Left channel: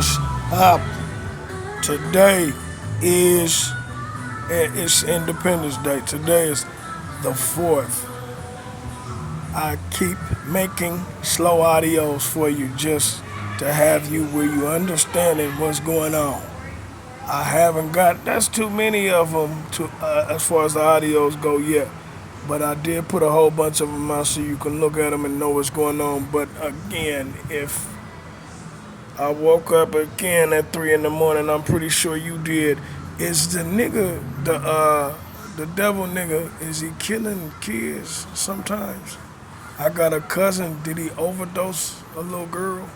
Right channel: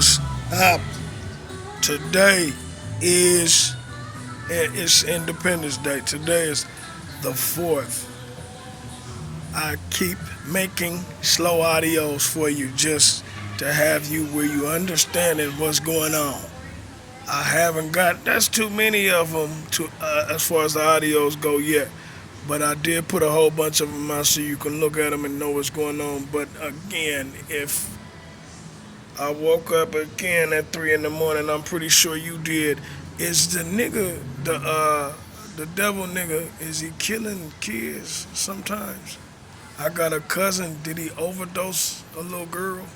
what's up? Today is it's Independence Day. Today is the 4th. I keep making slow audios for you just to have you where you understanding what's going on. I haven't got that's too many of them to as far as the audios go yet. But I did put a whole bunch of them out so you can look at them and know what's going on. But again, if I woke up again at 3 in the morning, I'm pretty sure you did. Is the nigga the devil nigga? Is he killing kids sometimes? I got a cousin. Did he overdose a little girl?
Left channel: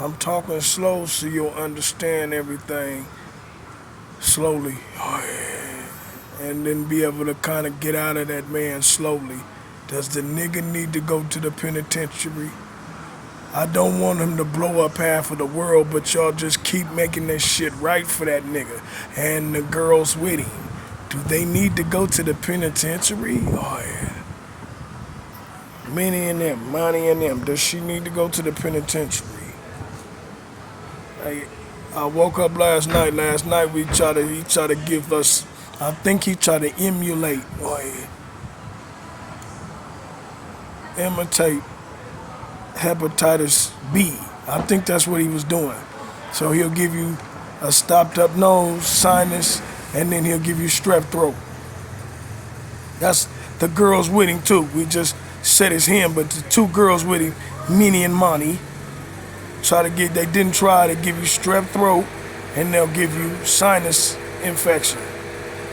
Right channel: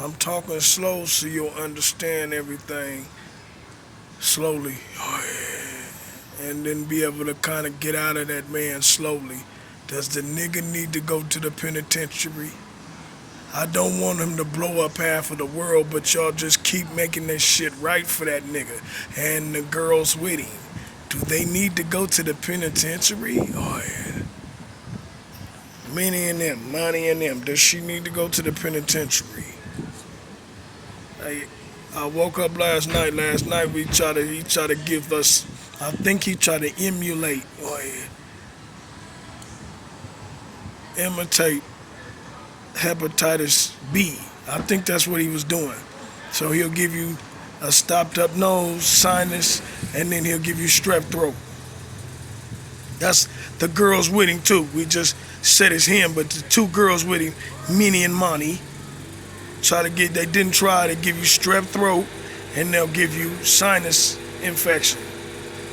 I'm talking slow so you'll understand everything slowly. Oh, yeah. And then be able to kind of get out of that man slowly. Does the nigga need to go to the penitentiary? I don't want him to blow up half of the world, but y'all just keep making this shit right for that nigga. And the girls with him. Do they need to go to the penitentiary? Oh, yeah. Minnie and them, Monty and them. Does she need to go to the penitentiary? I woke up last night. Last night he tried to give us. I think he tried to emulate or imitate hepatitis B. I think that's what he was doing. So he'll give you a stopped up nose, sinus, and then he'll give you strep throat. That's the girls with him too. We just said it's him, but the two girls with him, Minnie and Monty, they didn't try to give you strep throat, and they'll give you sinus infection,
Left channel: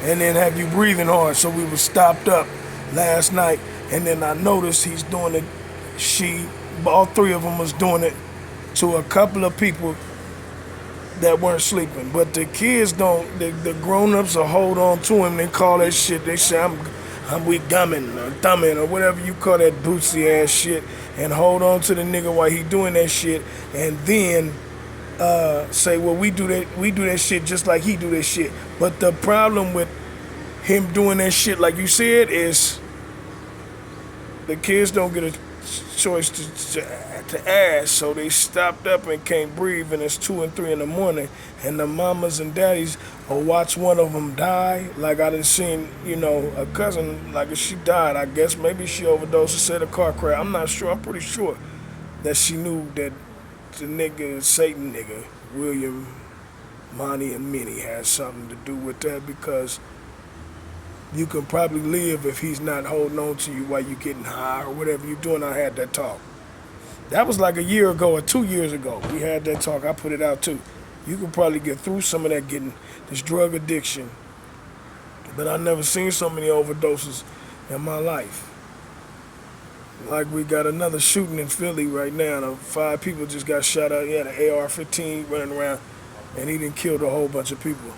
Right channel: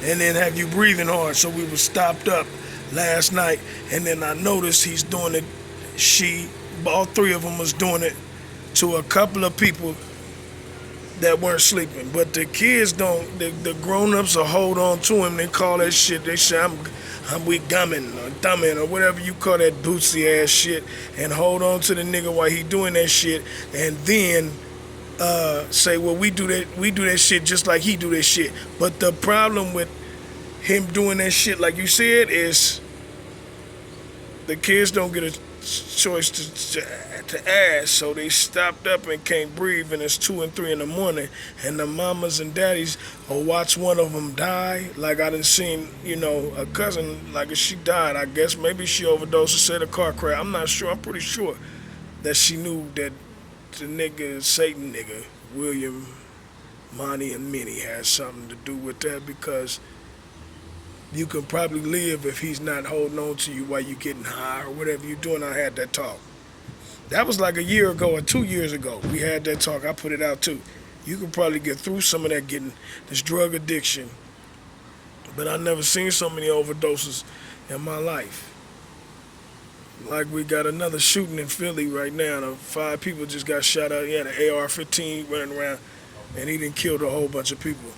and then have you breathing hard. So we were stopped up last night, and then I noticed he's doing it. All three of them was doing it to a couple of people that weren't sleeping. But the kids don't. The grown-ups will hold on to him. They call that shit. They say I'm weak gumming or thumbing or whatever you call that bootsy ass shit, and hold on to the nigga while he doing that shit, and then say, well, we do that shit just like he do that shit. But the problem with him doing that shit, like you said, is the kids don't get a choice to ask, so they stopped up and can't breathe, and it's 2 and 3 in the morning, and the mamas and daddies will watch one of them die. Like I done seen, a cousin, like if she died, I guess maybe she overdosed or said a car crash. I'm not sure. I'm pretty sure that she knew that the nigga, Satan nigga, William, Monty, and Minnie had something to do with that, because you can probably live if he's not holding on to you while you're getting high or whatever you're doing. I had that talk. That was like a year ago or 2 years ago. We had that talk. I put it out too. You could probably get through some of that getting this drug addiction. But I never seen so many overdoses in my life. Like we got another shooting in Philly right now. 5 people just got shot up. He had an AR-15 running around, and he done killed a whole bunch of people.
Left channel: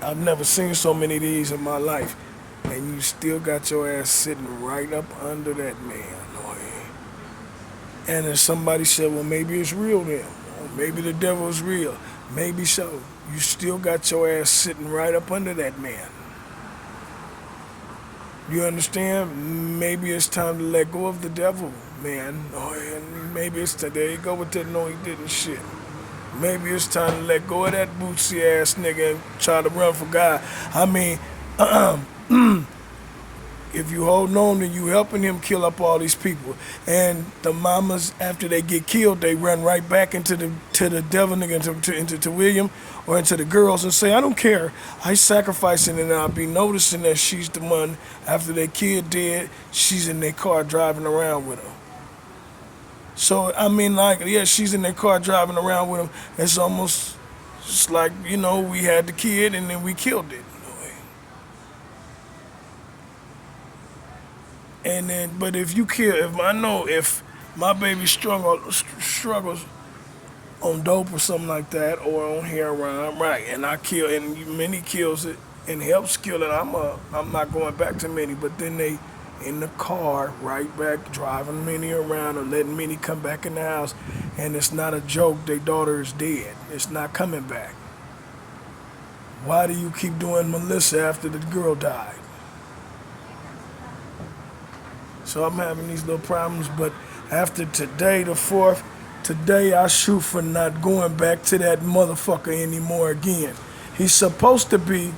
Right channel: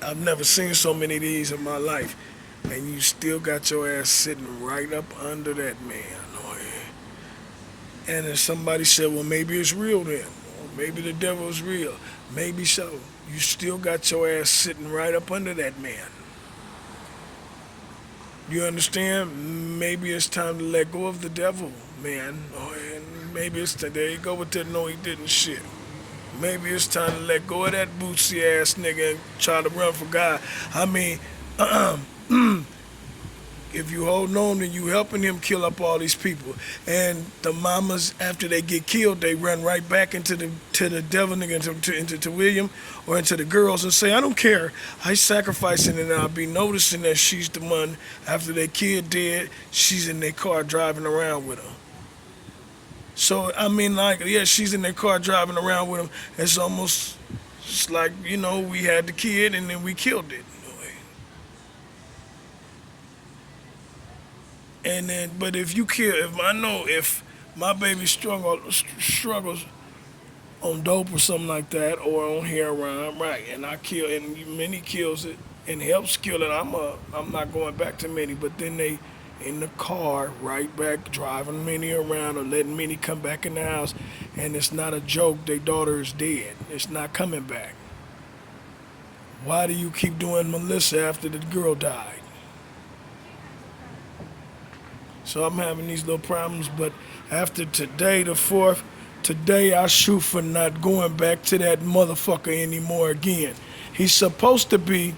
I've never seen so many of these in my life. And you still got your ass sitting right up under that man. And then somebody said, well, maybe it's real then. Or maybe the devil is real. Maybe so. You still got your ass sitting right up under that man. You understand? Maybe it's time to let go of the devil, man. And maybe it's time. There you go with that no he didn't shit. Maybe it's time to let go of that bootsy ass nigga and try to run for God. I mean, if you hold on and you helping him kill up all these people, and the mamas after they get killed, they run right back into the devil nigga, into William or into the girls and say, I don't care, I sacrificing, and I'll be noticing that she's the one after their kid dead, she's in their car driving around with them. So I mean, like, yeah, she's in their car driving around with them. It's almost just like, we had the kid and then we killed it. And then, but if my baby struggles on dope or something like that, or on heroin, right, and I kill, and Minnie kills it and helps kill it, I'm not going back to Minnie. But then they in the car right back driving Minnie around or letting Minnie come back in the house, and it's not a joke. Their daughter is dead. It's not coming back. Why do you keep doing Melissa after the girl died? So I'm having these little problems, but after today, the 4th, Today I shoot for not going back to that motherfucker anymore again. He's supposed to be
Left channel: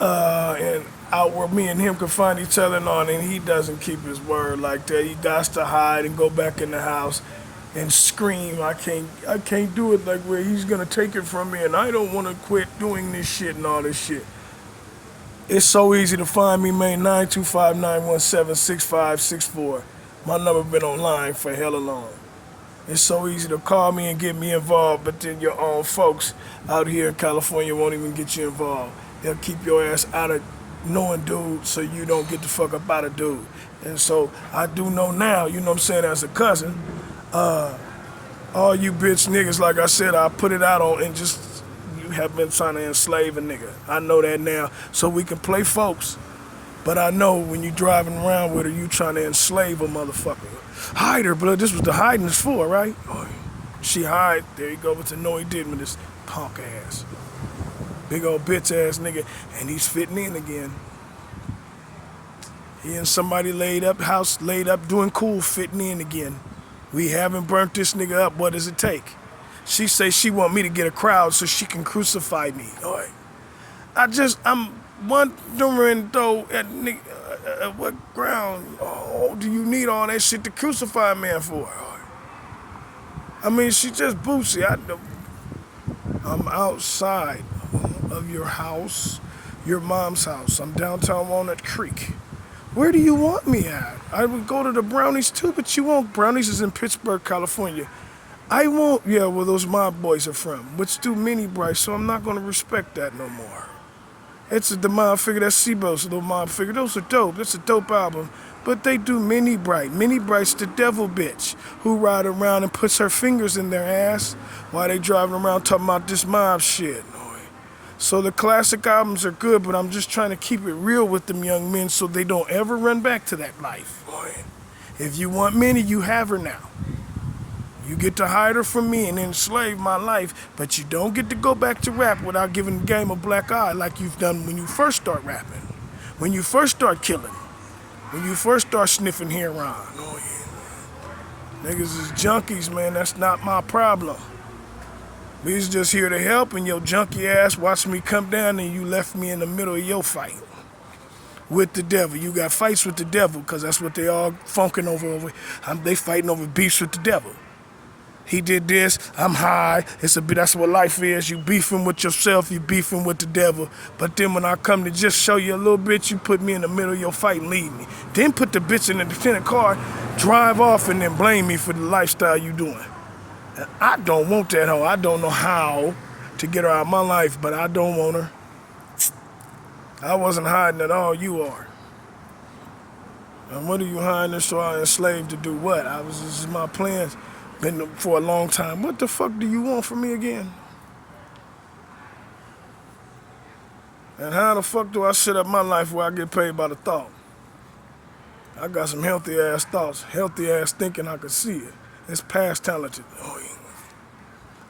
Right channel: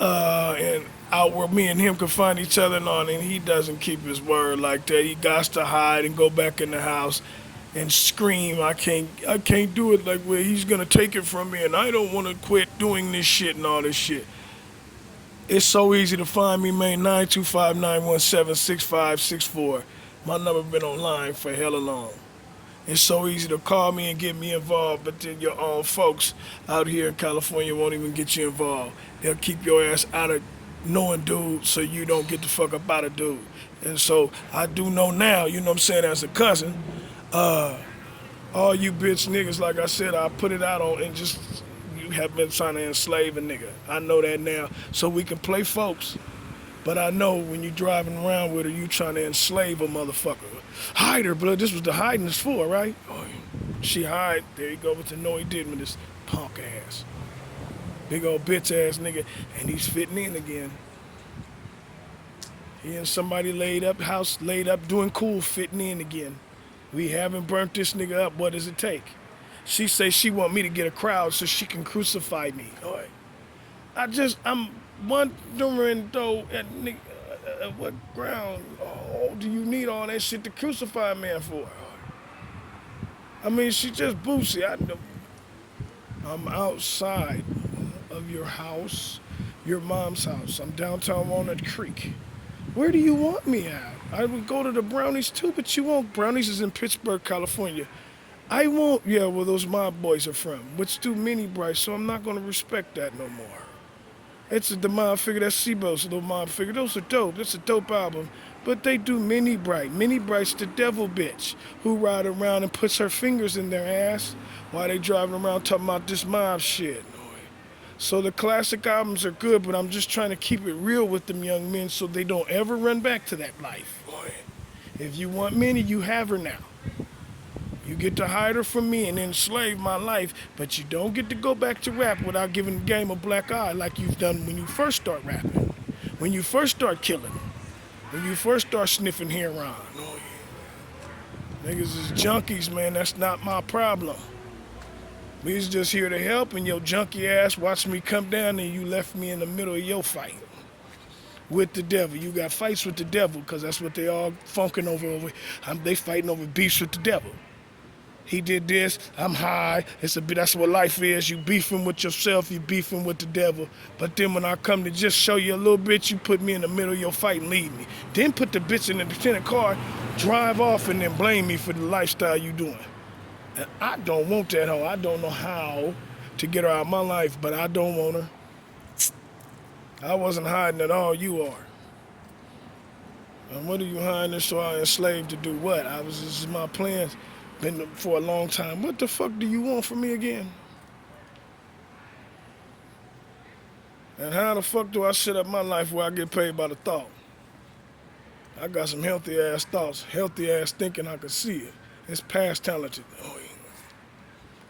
and out where me and him can find each other and all, and he doesn't keep his word like that. He got to hide and go back in the house and scream. I can't do it like where he's gonna take it from me, and I don't want to quit doing this shit and all this shit. It's so easy to find me, man. 925-917-6564. My number been online for hella long. It's so easy to call me and get me involved, but then your own folks out here in California won't even get you involved. They'll keep your ass out of knowing dude so you don't get the fuck up out of dude. And so I do know now, you know what I'm saying, as a cousin, all you bitch niggas, like I said, I put it out on and just you have been trying to enslave a nigga. I know that now. So we can play folks. But I know when you driving around with her, you trying to enslave a motherfucker. Hide her, blood. This was the hiding is for, right? Oh, she hide. There you go with the no he did with this punk ass. Big old bitch ass nigga. And he's fitting in again. He and somebody laid up, house laid up, doing cool, fitting in again. We haven't burnt this nigga up. What does it take? She say she want me to get a crowd so she can crucify me. All right. I'm wondering though, at what ground do you need all that shit to crucify a man for? I mean, she just bootsy. I'm outside of your house, your mom's house. I'm downtown Walnut Creek. Where do you want me at? I would go to the Brownies too, but you won't. Brownies is in Pittsburgh, California. I won't. Yeah, where those mob boys are from, which do mini bright, so I'm not going to respect that no more. It's the mob figure, that's Sebo's little mob figure. Those are dope. That's a dope album. But they do Mini Bright. Mini Bright's the devil bitch who ride around and puts her fingers in their ass while they driving around talking about this mob shit. So the classic albums are good, but I'm just trying to keep it real with them young men so they don't ever run back to that life. If you want Minnie, you have her now. You get to hide her from me and enslave my life, but you don't get to go back to rap without giving the game a black eye like you've done when you first start rapping, when you first start killing, when you first start sniffing heroin. Oh, yeah. Niggas is junkies, man. That's not my problem. We's just here to help, and your junkie ass watched me come down and you left me in the middle of your fight with the devil. You got fights with the devil because that's what they all funking over. They fighting over beefs with the devil. He did this, I'm high. That's what life is. You beefing with yourself, you beefing with the devil. But then when I come to just show you a little bit, you put me in the middle of your fight and leave me. Then put the bitch in the defendant car, drive off, and then blame me for the lifestyle you doing. And I don't want that hoe. I don't know how to get her out of my life, but I don't want her. I wasn't hiding at all, you are. And what are you hiding so I enslaved to do what? This is my plans. Been for a long time. What the fuck do you want from me again? And how the fuck do I set up my life where I get paid by the thought? I got some healthy ass thoughts, healthy ass thinking. I can see it. It's past talented. Oh, yeah.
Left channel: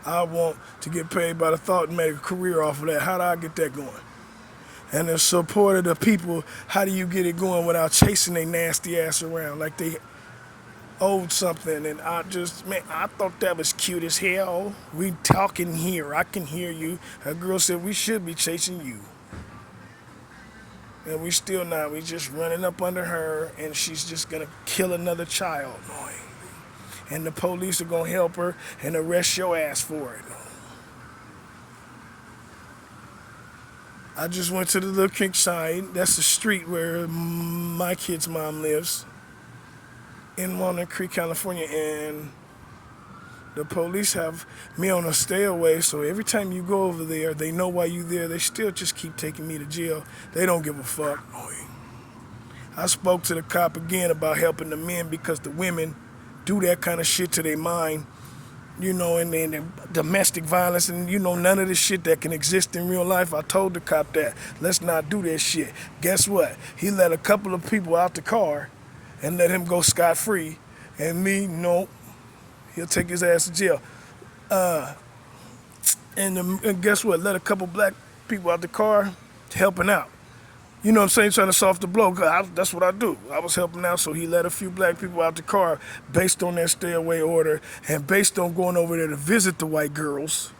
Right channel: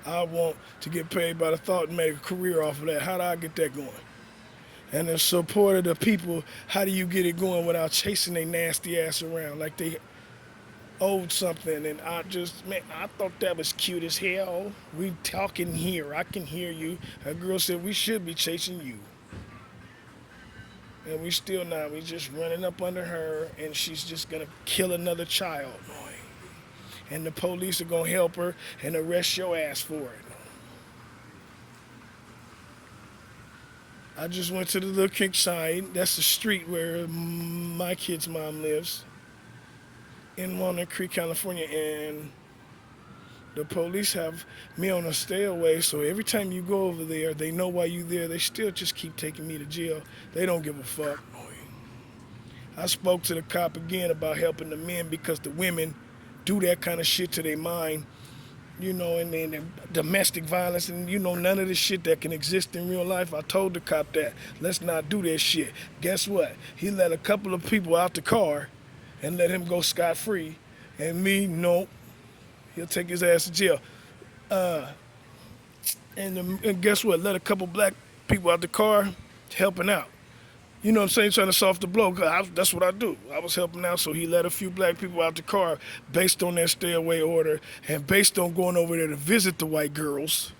I want to get paid by the thought and make a career off of that. How do I get that going? And the support of the people, how do you get it going without chasing their nasty ass around like they owed something? And I thought that was cute as hell. We talking here, I can hear you. A girl said we should be chasing you. And we still not, we just running up under her and she's just gonna kill another child. And the police are gonna help her and arrest your ass for it. I just went to the little creek side. That's the street where my kid's mom lives in Walnut Creek, California, and the police have me on a stay away, so every time you go over there, they know why you there. They still just keep taking me to jail. They don't give a fuck. I spoke to the cop again about helping the men because the women do that kind of shit to their mind, and then domestic violence and, none of the shit that can exist in real life. I told the cop that. Let's not do this shit. Guess what? He let a couple of people out the car and let him go scot-free. And me, no, he'll take his ass to jail. And guess what? Let a couple black people out the car helping out. You know what I'm saying? Trying to soften the blow. 'Cause that's what I do. I was helping out, so he let a few black people out the car based on that stay away order and based on going over there to visit the white girls,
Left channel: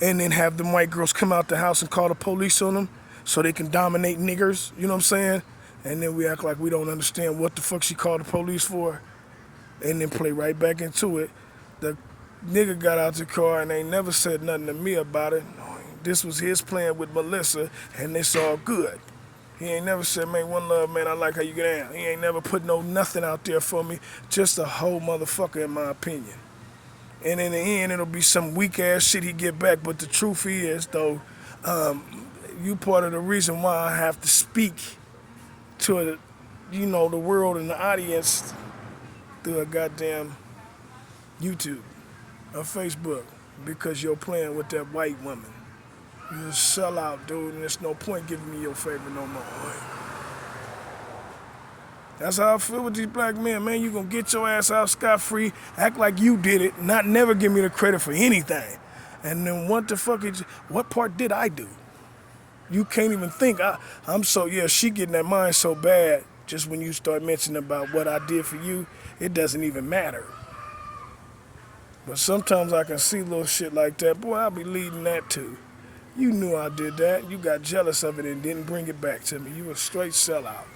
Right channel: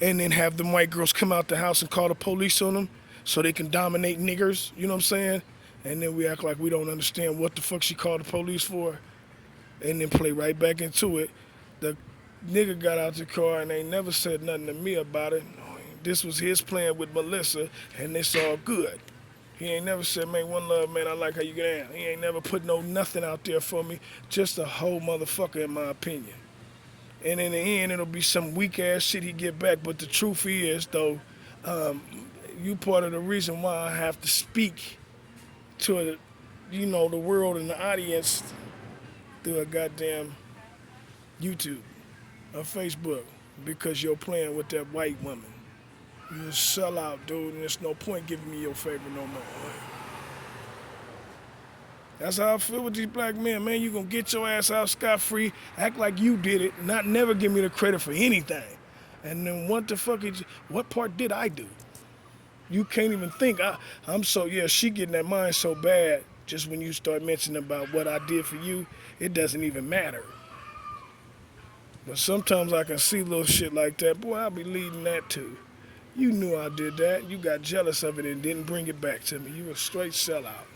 and then have them white girls come out the house and call the police on them so they can dominate niggers. You know what I'm saying? And then we act like we don't understand what the fuck she called the police for, and then play right back into it. The nigga got out the car and ain't never said nothing to me about it. This was his plan with Melissa, and it's all good. He ain't never said, man, one love, man, I like how you get down. He ain't never put no nothing out there for me. Just a whole motherfucker, in my opinion. And in the end, it'll be some weak ass shit he get back. But the truth is, though, you part of the reason why I have to speak to, the world and the audience through a goddamn YouTube or Facebook, because you're playing with that white woman. You're a sellout, dude, and there's no point giving me your favor no more. That's how I feel with these black men, man. You gonna get your ass out scot-free, act like you did it, not never give me the credit for anything. And then what part did I do? You can't even think. She getting that mind so bad, just when you start mentioning about what I did for you, it doesn't even matter. But sometimes I can see little shit like that. Boy, I'll be leading that too. You knew I did that. You got jealous of it and didn't bring it back to me. You a straight sellout.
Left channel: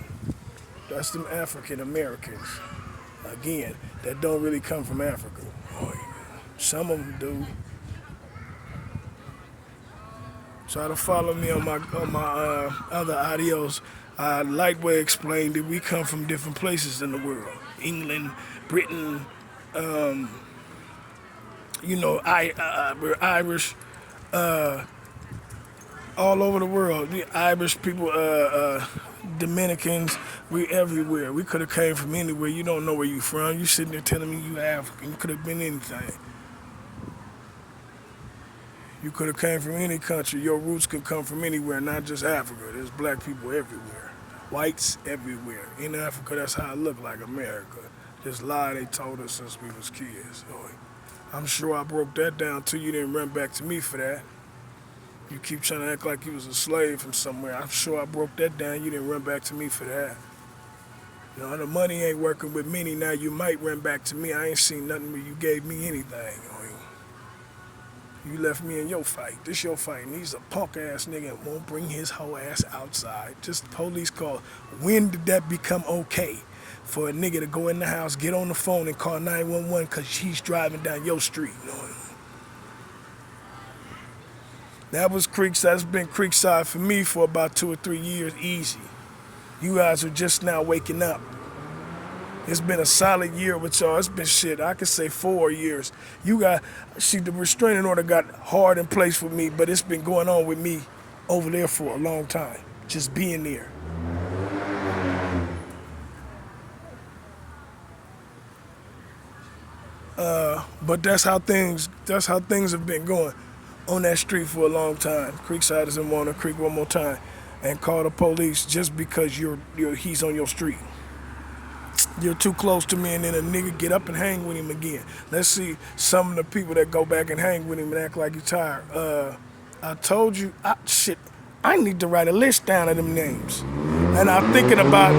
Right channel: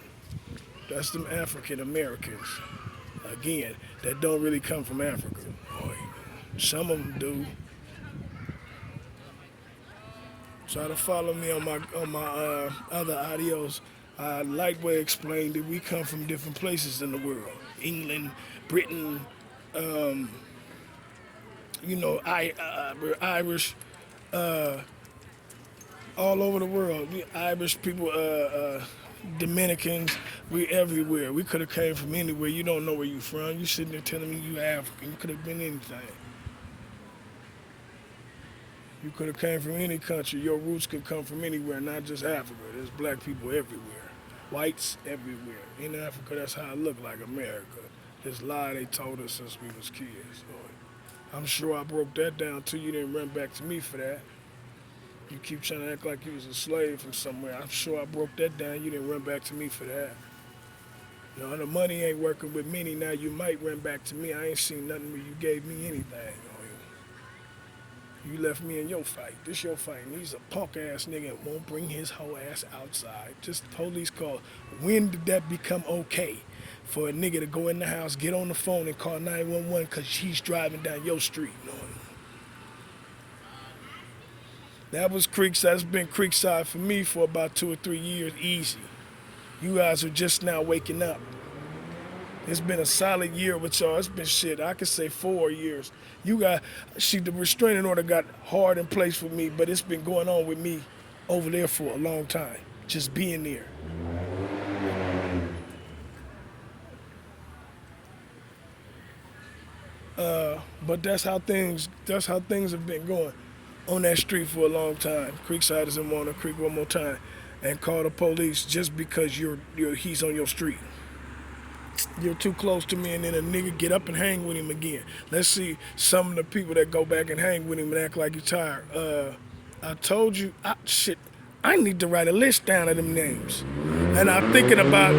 That's them African Americans, again, that don't really come from Africa. Some of them do. Try to follow me on my other audios. I lightweight explained that we come from different places in the world. England, Britain, we're Irish. All over the world, the Irish people, Dominicans, we everywhere. We could have came from anywhere. You don't know where you from. You sitting there telling me you African. You could have been anything. You could have came from any country. Your roots could come from anywhere, not just Africa. There's black people everywhere. Whites everywhere. In Africa, that's how it looked like America. This lie they told us since we was kids. So I'm sure I broke that down to you. Didn't run back to me for that. You keep trying to act like you was a slave from somewhere. I'm sure I broke that down. You didn't run back to me for that. The money ain't working with many now. You might run back to me. I ain't seen nothing where you gave me anything. You left me in your fight. This your fight. And he's a punk ass nigga and won't bring his whole ass outside. Just police call. When did that become okay for a nigga to go in the house, get on the phone and call 911 because he's driving down your street? That was Creekside. That's been Creekside for me for about 2 or 3 years, easy. You guys are just now waking up. It's been a solid year with y'all. It's been shit, I could say 4 years. The restraining order got hard in place for me, but it's been going on with me over there for a long time. Just being there. But that's how things have been going on that street for a long time. Creekside doesn't want to creek one more time and call the police just because he's on your street. You're too close to me, and then a nigga get up and hang with him again. Let's see some of the people that go back and hang with him and act like he's tired. I told you, I need to write a list down of them names. And I'm thinking about,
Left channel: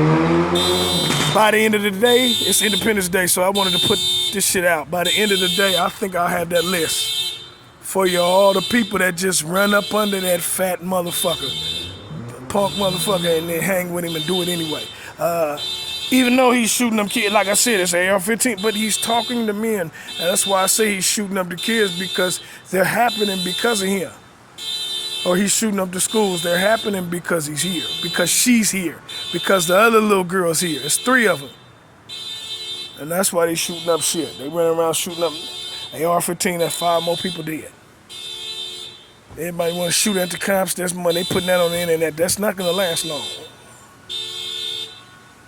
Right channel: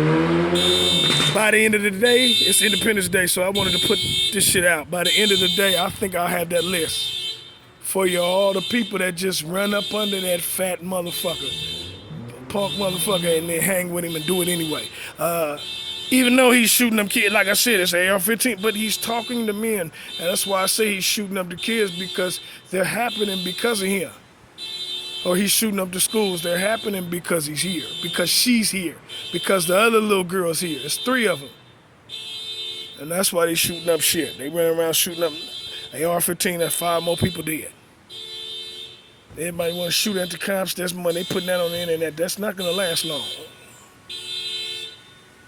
by the end of the day, it's Independence Day, so I wanted to put this shit out. By the end of the day, I think I'll have that list for you, all the people that just run up under that fat motherfucker, punk motherfucker, and then hang with him and do it anyway. Even though he's shooting them kids, like I said, it's AR-15, but he's talking to men. And that's why I say he's shooting up the kids, because they're happening because of him. Or he's shooting up the schools. They're happening because he's here, because she's here, because the other little girl's here. It's 3 of them. And that's why they shooting up shit. They run around shooting up AR-15, that's 5 more people dead. Everybody want to shoot at the cops, there's money. They putting that on the internet. That's not going to last long.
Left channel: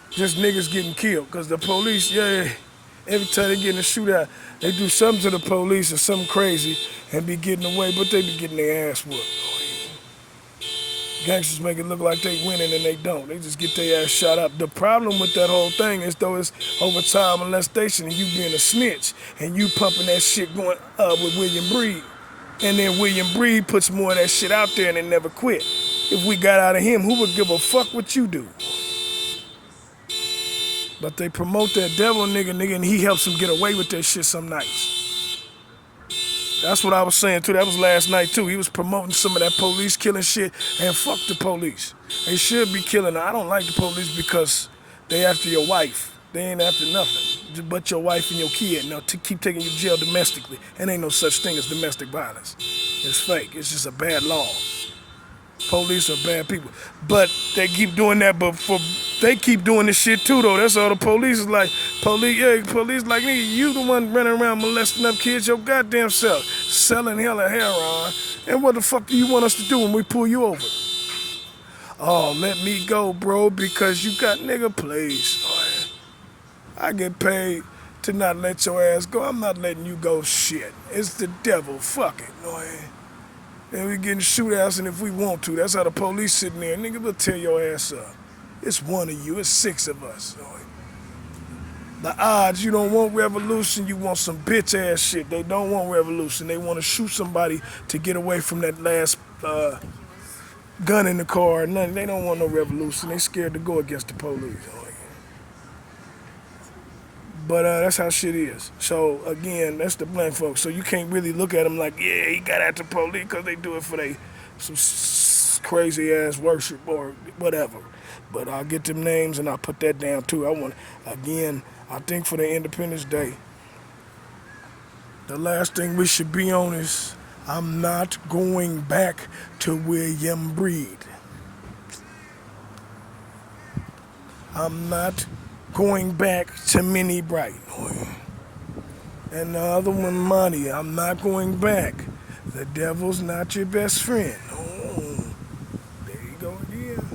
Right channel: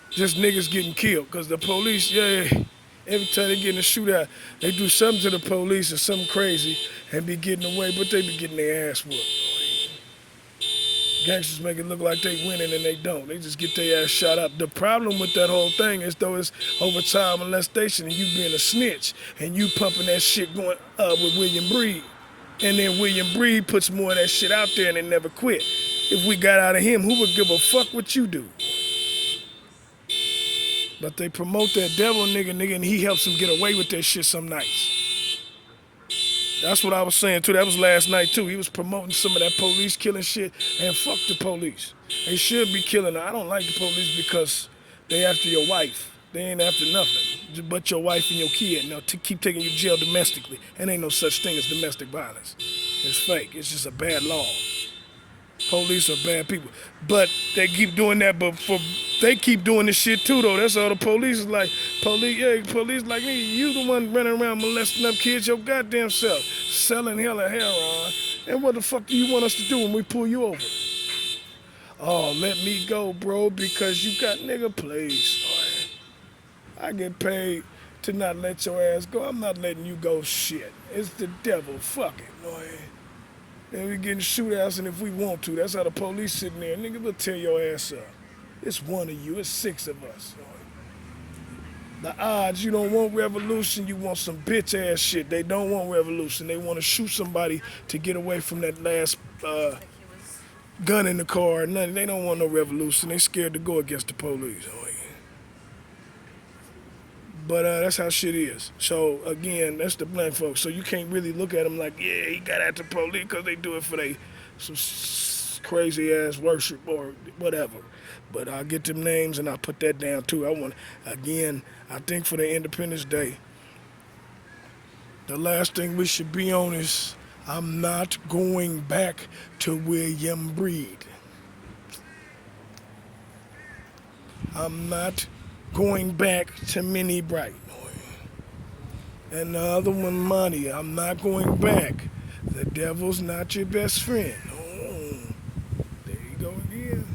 Just niggas getting killed, because the police, every time they get in a shootout, they do something to the police or something crazy and be getting away, but they be getting their ass whooped. Gangsters make it look like they winning and they don't. They just get their ass shot up. The problem with that whole thing is, though, it's over child molestation and you being a snitch and you pumping that shit going up with William Breed. And then William Breed puts more of that shit out there and they never quit. If we got out of him, who would give a fuck what you do? But they promote that devil nigga, and he helps them get away with that shit some nights. That's what I was saying too. That was last night too. He was promoting some of that police killing shit, and fuck the police. They should be killing. I don't like the police because they after your wife. They ain't after nothing but your wife and your kid. Now to keep taking you to jail domestically. And ain't no such thing as domestic violence. It's fake. It's just a bad law. Police are bad people, but they keep doing that. But they keep doing this shit too, though. That's all the police is like. Police like, nigga, you the one running around molesting up kids your goddamn self, selling hella heroin. And what the fuck do you want us to do when we pull you over? Oh, let me go, bro, because you got nigga, please. I get paid to not let your ass go. I'm not letting you go. Shit, it's the devil. Fuck it, boy. And we getting shootouts, and if we want to, that's how the police sitting there. Nigga, we'll tear your ass up. It's one of you. It's six of us. The odds, you don't want revolution. You want some bitch ass shit. They don't want revolution. They want to shoot somebody to get away from that last gun in the car. Nothing. They don't want no revolution. They scared to go against the police. But that's how shit is. So, again, that's the black folks. So you can't really look at them like, yeah, he got at the police because they do it for some crazy-ass worship or whatever. But I'll get them names and I'll put that down, too. I think for the Independence Day, the last thing we should be on is, I'm not going back to William Breed. I'm not going back to Minnie Bright. And the other one, Money. I'm not going back. The devil's not your best friend. Oh, there you go again.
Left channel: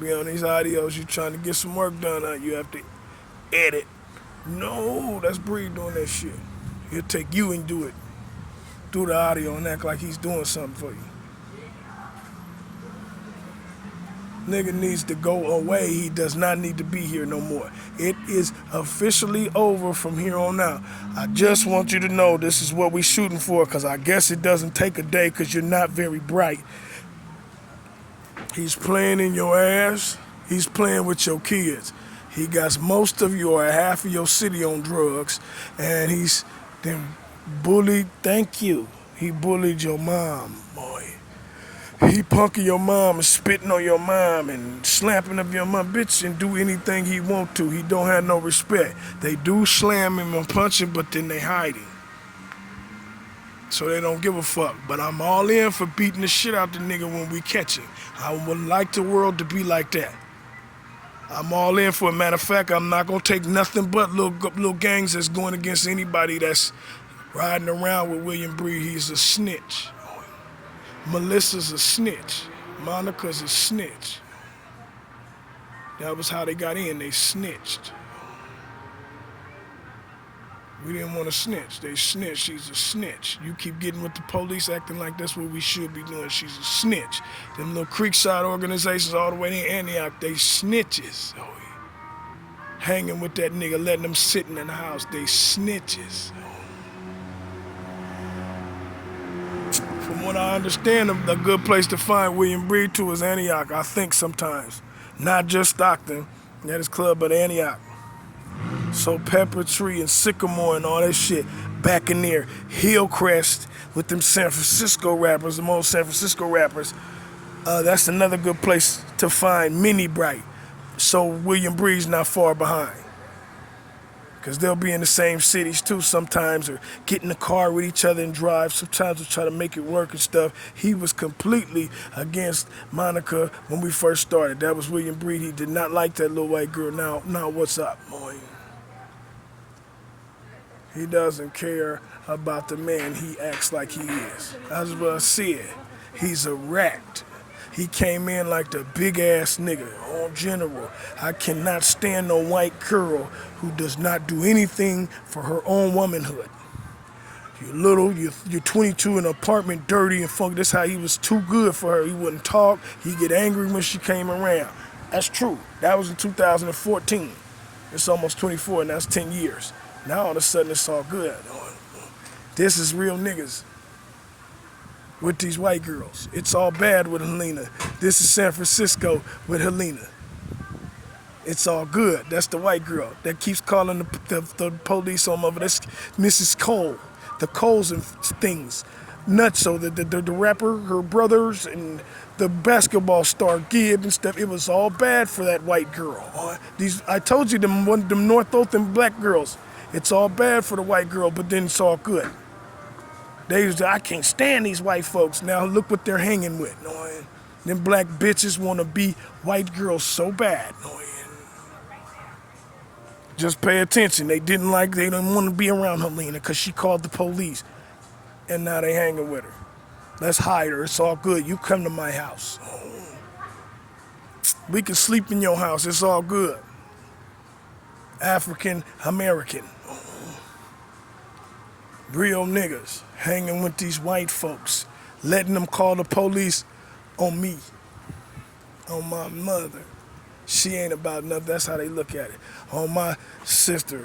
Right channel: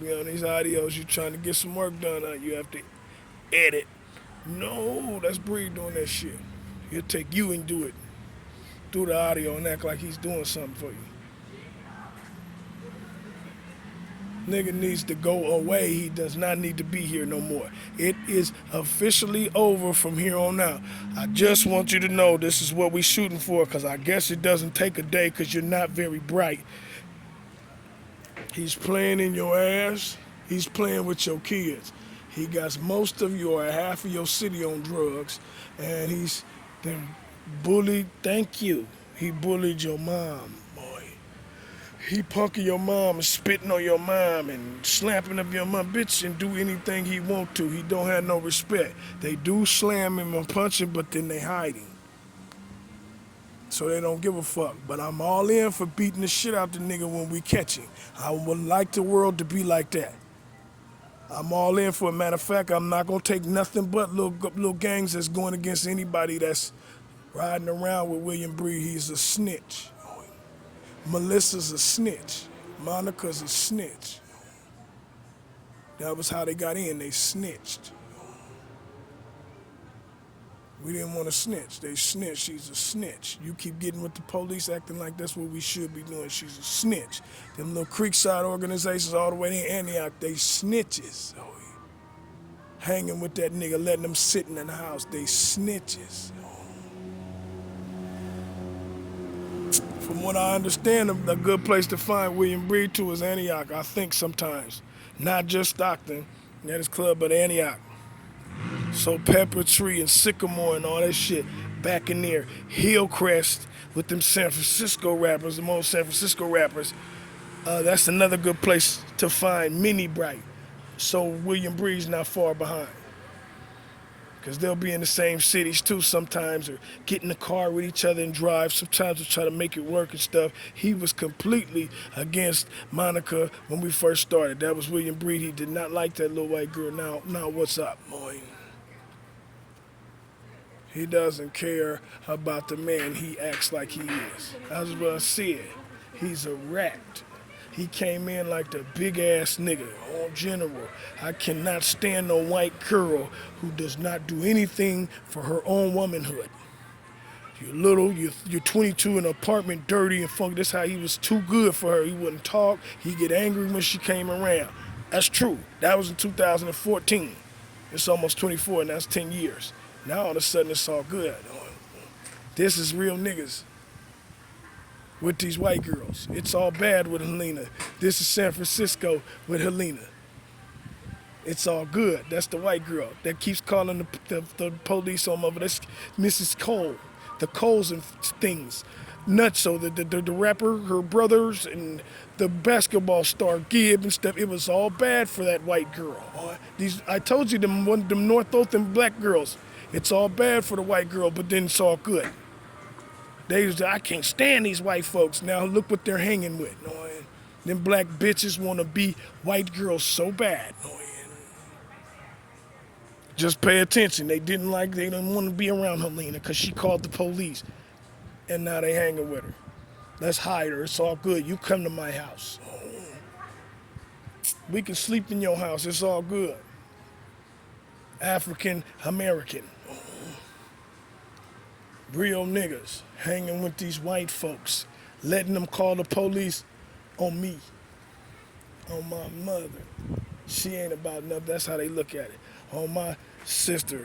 Be on these audios, you trying to get some work done on, you have to edit. No, that's Breed doing that shit. He'll take you and do it. Do the audio and act like he's doing something for you. Nigga needs to go away. He does not need to be here no more. It is officially over from here on out. I just want you to know this is what we shooting for, because I guess it doesn't take a day because you're not very bright. He's playing in your ass. He's playing with your kids. He got most of you or half of your city on drugs, and he's then bullied. Thank you. He bullied your mom, boy. He punking your mom and spitting on your mom and slapping up your mom, bitch, and do anything he want to. He don't have no respect. They do slam him and punch him, but then they hide him. So they don't give a fuck. But I'm all in for beating the shit out the nigga when we catch him. I would like the world to be like that. I'm all in for it. Matter of fact, I'm not gonna take nothing but little gangs that's going against anybody that's riding around with William Breed. He's a snitch. Melissa's a snitch. Monica's a snitch. That was how they got in. They snitched. We didn't want to snitch. They snitched. She's a snitch. You keep getting with the police acting like that's what we should be doing. She's a snitch. Them little Creekside organizations all the way in Antioch, they snitches. Hanging with that nigga, letting them sitting in the house, they snitches. From what I understand, a good place to find William Breed too is Antioch, I think sometimes. Not just Stockton, that is club, but Antioch. So Pepper Tree and Sycamore and all that shit back in there. Hillcrest with them San Francisco rappers, them old San Francisco rappers. That's another good place to find Minnie Bright. So William Breed's not far behind. Because they'll be in the same cities too sometimes, or get in the car with each other and drive. Sometimes we'll try to make it work and stuff. He was completely against Monica when we first started. That was William Breed. He did not like that little white girl. Now what's up, boy? He doesn't care about the man he acts like he is. That's what I said. He's a rat. He came in like the big ass nigga, all general. I cannot stand no white girl who does not do anything for her own womanhood. You're little, you're 22 in an apartment, dirty and funky. That's how he was too good for her. He wouldn't talk. He'd get angry when she came around. That's true. That was in 2014. It's almost 24 and that's 10 years. Now all of a sudden it's all good. This is real niggas. with these white girls. It's all bad with Helena. This is San Francisco with Helena. It's all good. That's the white girl that keeps calling the police on over. That's Mrs. Cole. The Coles and things. Nuts. So the rapper, her brothers, and the basketball star Gibb and stuff. It was all bad for that white girl. I told you them North Oakland black girls. It's all bad for the white girl, but then it's all good. I can't stand these white folks. Now look what they're hanging with. Them black bitches want to be white girls so bad. Just pay attention. They didn't want to be around Helena because she called the police. And now they hanging with her. Let's hide her. It's all good. You come to my house. We can sleep in your house. It's all good. African American. Real niggas hanging with these white folks. Letting them call the police on me. On my mother. She ain't about nothing. That's how they look at it. On my sister.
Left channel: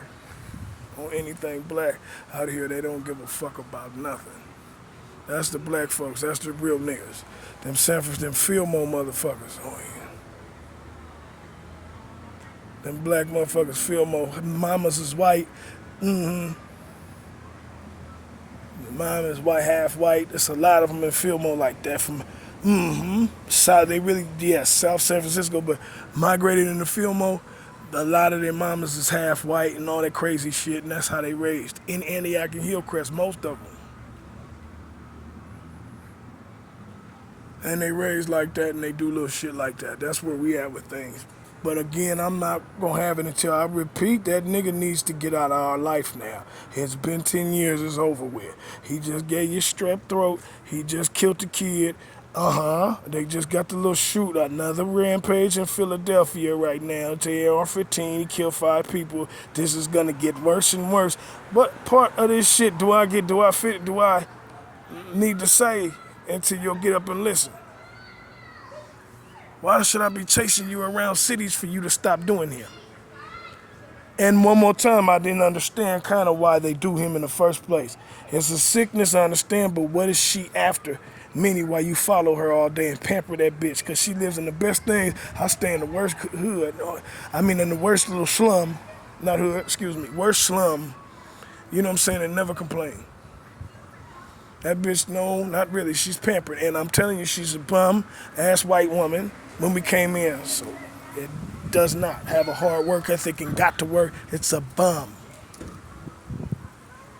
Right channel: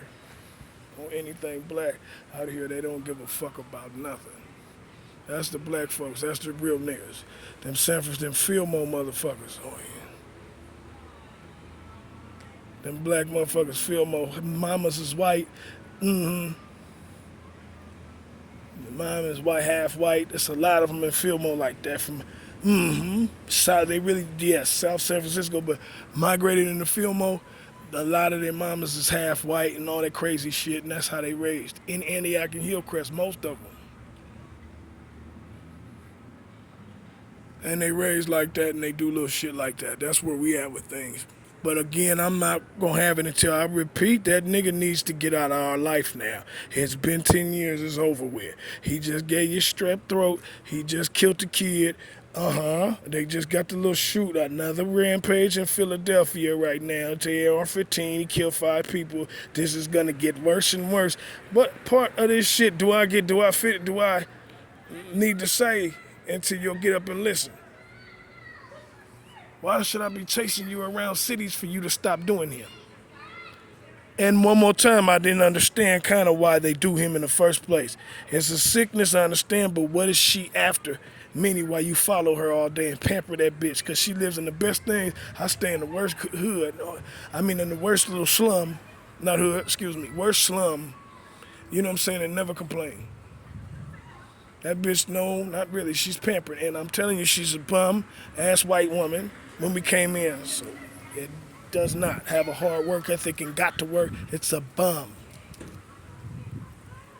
On anything black out here, they don't give a fuck about nothing. That's the black folks. That's the real niggas. Them San Francisco, them Fillmore motherfuckers. Oh yeah. Them black motherfuckers, Fillmore. Mamas is white. Mm-hmm. Mom is white, half white. There's a lot of them in Fillmore like that. From South, South San Francisco, but migrated into Fillmore. A lot of their mamas is half white and all that crazy shit, and that's how they raised. In Antioch and Hillcrest, most of them. And they raised like that and they do little shit like that. That's where we at with things. But again, I'm not going to have it until I repeat that nigga needs to get out of our life now. It's been 10 years, it's over with. He just gave you strep throat. He just killed the kid. They just got the little shoot. Another rampage in Philadelphia right now. AR-15, he killed 5 people. This is going to get worse and worse. What part of this shit do I need to say until you'll get up and listen? Why should I be chasing you around cities for you to stop doing him? And one more time, I didn't understand kind of why they do him in the first place. It's a sickness, I understand, but what is she after? Meaning why you follow her all day and pamper that bitch, because she lives in the best thing. I stay in the worst hood. In the worst little slum. Not hood, excuse me. Worst slum. You know what I'm saying? And never complain. That bitch, no, not really. She's pampered. And I'm telling you, she's a bum-ass white woman when we came in. So it does not have a hard work ethic and got to work. It's a bum.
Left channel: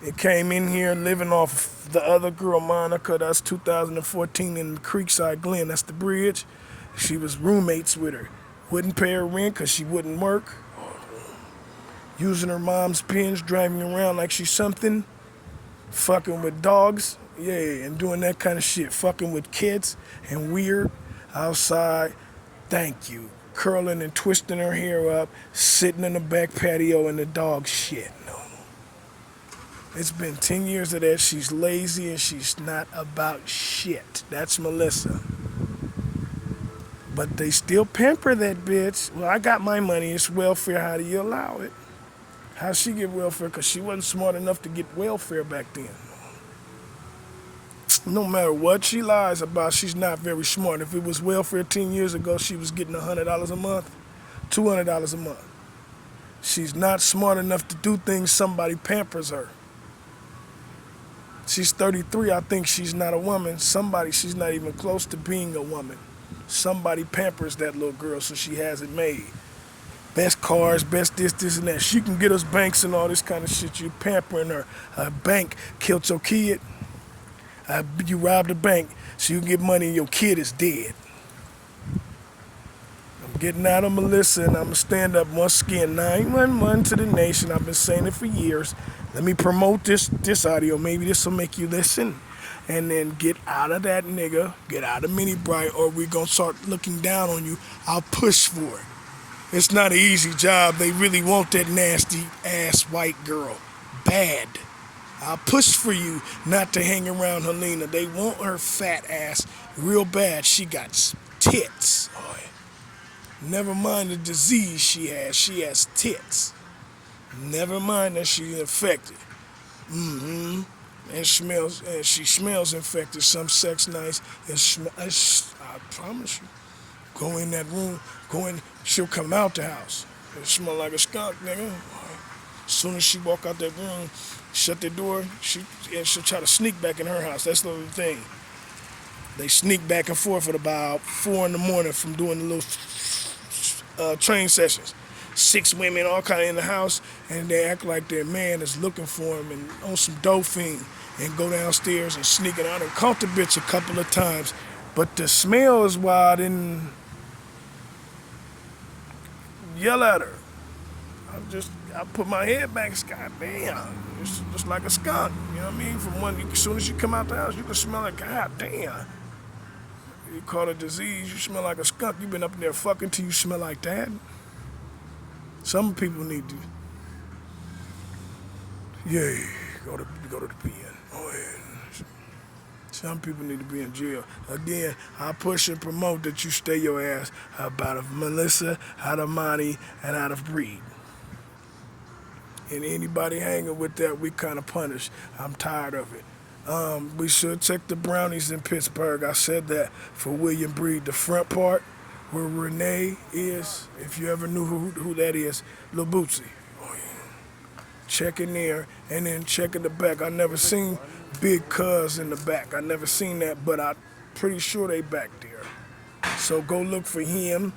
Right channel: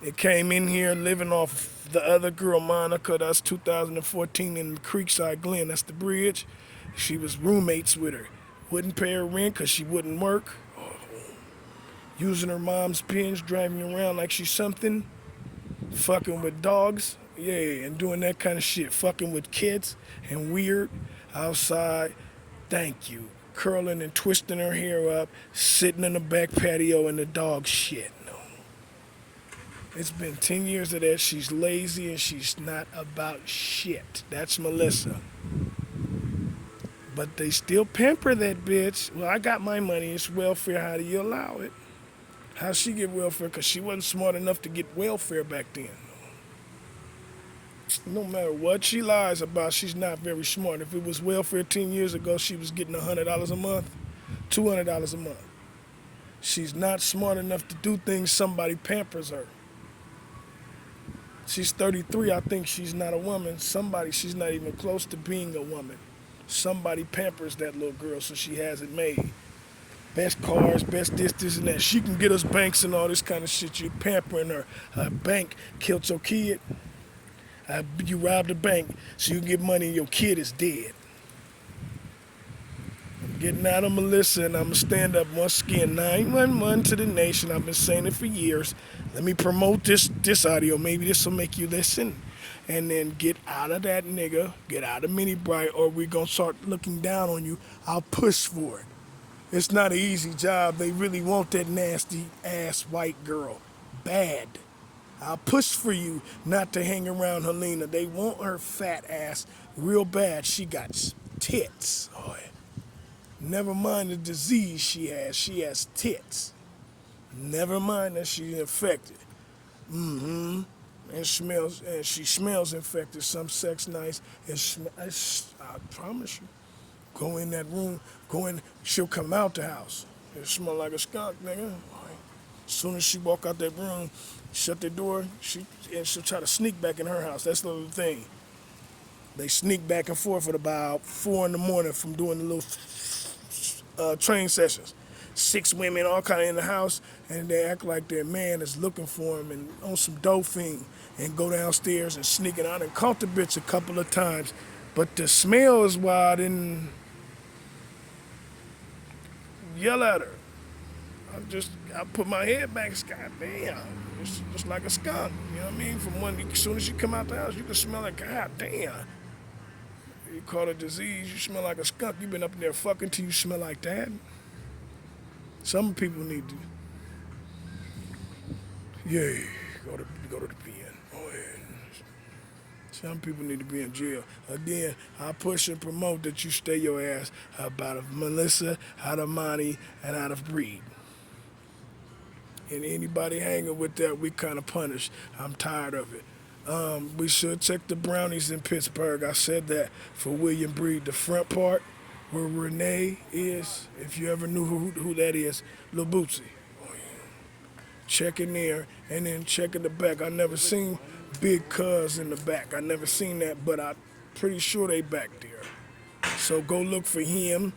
It came in here living off the other girl, Monica. That's 2014 in Creekside Glen. That's the bridge. She was roommates with her. Wouldn't pay her rent because she wouldn't work. Using her mom's pins, driving around like she's something. Fucking with dogs. Yeah, and doing that kind of shit. Fucking with kids and weird outside. Thank you. Curling and twisting her hair up, sitting in the back patio in the dog shit. No. It's been 10 years of that. She's lazy and she's not about shit. That's Melissa. But they still pamper that bitch. Well, I got my money. It's welfare. How do you allow it? How'd she get welfare? Because she wasn't smart enough to get welfare back then. No matter what she lies about, she's not very smart. If it was welfare 10 years ago, she was getting $100 a month, $200 a month. She's not smart enough to do things somebody pampers her. She's 33. I think she's not a woman. She's not even close to being a woman. Somebody pampers that little girl so she has it made. Best cars, best this, and that. She can get us banks and all this kind of shit. You pampering her. A bank killed your kid. You robbed a bank so you can get money and your kid is dead. I'm getting out of Melissa and I'm going to stand up once again. 911 to the nation. I've been saying it for years. Let me promote this audio. Maybe this will make you listen. And then get out of that nigga. Get out of Mini Bright or we're going to start looking down on you. I'll push for it. It's not an easy job. They really want that nasty ass white girl. Bad. I'll push for you not to hang around Helena. They want her fat ass real bad. She got tits. Oh, yeah. Never mind the disease she has. She has tits. Never mind that she's infected. and she smells infected. Some sex nice. I promise you. Go in that room. Go in. She'll come out the house. It smell like a skunk, nigga. As soon as she walk out that room, shut the door. She'll try to sneak back in her house. That's the little thing. They sneak back and forth at about 4 in the morning from doing the little train sessions. 6 women, all kind of in the house, and they act like their man is looking for them and on some dope fiend, and go downstairs and sneak it out and caught the bitch a couple of times. But the smell is why I didn't yell at her. I put my head back, God damn, it's just like a skunk. You know what I mean? From as soon as you come out the house, you can smell it. God damn. You call it a disease, you smell like a skunk. You been up in there fucking till you smell like that. Some people need to, yeah, go to the pen. Go ahead. Some people need to be in jail. Again, I push and promote that you stay your ass out of Melissa, out of Monty, and out of Breed. And anybody hanging with that, we kind of punish. I'm tired of it. We should check the brownies in Pittsburgh. I said that for William Breed. The front part where Renee is, if you ever knew who that is, Lil Bootsy. Oh, yeah. Check in there, and then check in the back. I never seen Big Cuz in the back. I never seen that, but I'm pretty sure they back there. So go look for him.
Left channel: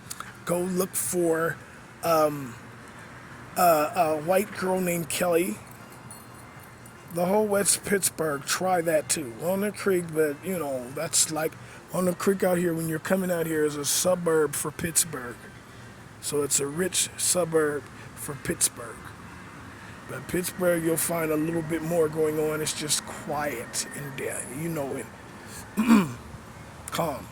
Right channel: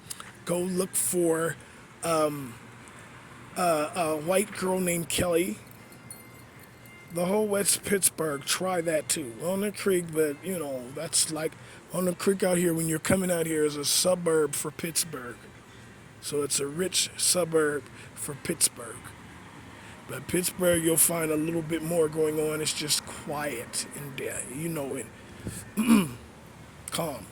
Go look for a white girl named Kelly. The whole West Pittsburgh, try that too. On the Creek, but that's like on the creek out here when you're coming out here is a suburb for Pittsburgh. So it's a rich suburb for Pittsburgh. But Pittsburgh, you'll find a little bit more going on. It's just quiet and calm.